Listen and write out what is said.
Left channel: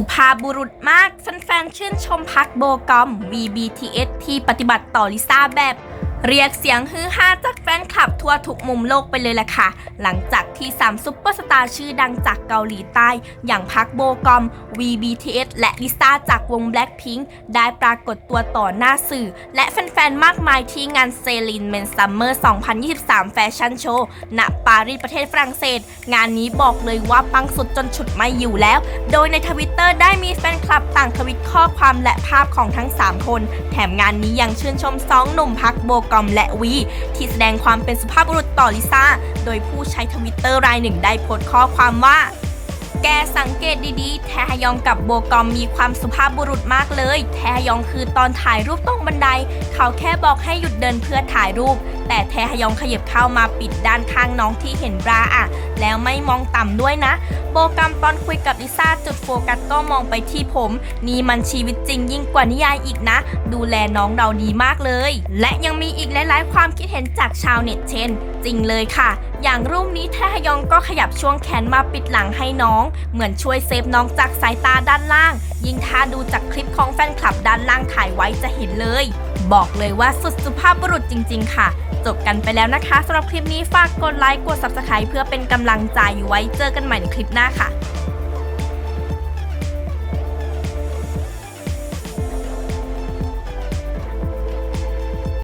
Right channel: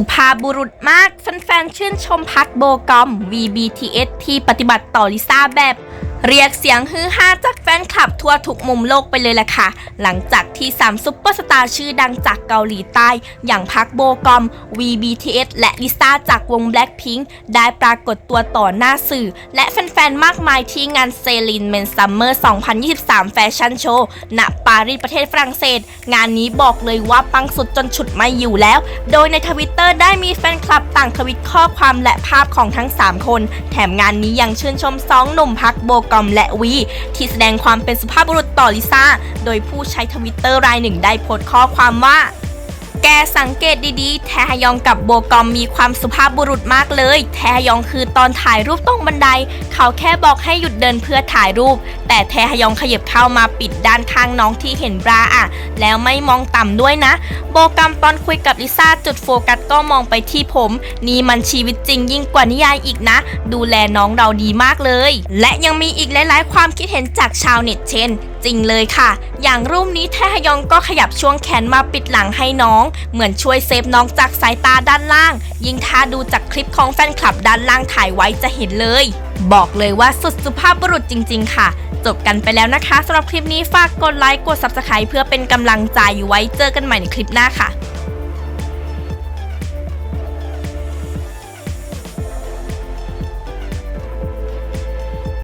สุภาพบุรุษมาก แฟนๆชื่นชมพักโบกอม VBTS ที่ปฏิบัติต่อลิซ่าแบบ เรียกเสียงฮือฮาจากแฟนคลับทั่วทุกมุมโลกไปเลยแหละค่ะ หลังจากที่3ซุปเปอร์สตาร์ชื่อดังจากเกาหลีใต้ อย่างพักโบกอม VBTS และลิซ่าจากวง Blackpink ได้ปรากฏตัวต่อหน้าสื่อ และแฟนๆ มากมายที่งานเซลินเมนซัมเมอร์ 2023 แฟชั่นโชว์ ณ ปารีสประเทศฝรั่งเศส งานนี้บอกเลยว่าปังสุดจนฉุดไม่อยู่แล้ว โดยในทวิตเตอร์ได้มีแฟนคลับต่างทวิตข้อความและภาพของทั้ง 3 คน แถมงานนี้ยังชื่นชมสองหนุ่มพักโบกอมและวี ที่แสดงความเป็นสุภาพบุรุษต่อลิซ่า โดยผู้ใช้ทวิตเตอร์รายหนึ่งได้โพสต์ข้อความว่า แกสังเกตดีๆ แทฮยองกับโบกอมมีความสุภาพบุรุษมากเลย แทฮยองคือตอนถ่ายรูปตรงบันได เขาแค่บอกให้หยุดเดินเพื่อถ่ายรูป แต่แทฮยองขยับเข้ามาปิดด้านข้างน้องที่เห็นบราอะแล้วไม่มองต่ำด้วยนะ โบกอมตอนคุยกับลิซ่าจุดโฟกัสก็มองไปที่ผม นี่มันชีวิตจริงยิ่งกว่านิยายอีกนะ ดูแลน้องเราดีมากเลย และยังมีอีกหลาย ๆ ความคิดเห็นจากชาวเน็ตเช่น จริงเลยค่ะ อย่างรูปนี้แทฮยองก็ขยับช่วงแขนมาปิดหลังให้น้อง เหมือนช่วยเซฟน้องจากสายตาด้านล่าง ยิ่งถ้าดูจากคลิปของแฟนคลับด้านล่างถ่ายไว้จะเห็นเลย บอกเลยว่าสุดสุภาพบุรุษจริง ๆ ค่ะ จบกันไปแล้วนะคะสำหรับคลิปนี้ฝากกดไลค์กด subscribe เพื่อเป็นกำลังใจไว้เจอกันใหม่ในคลิปหน้าค่ะ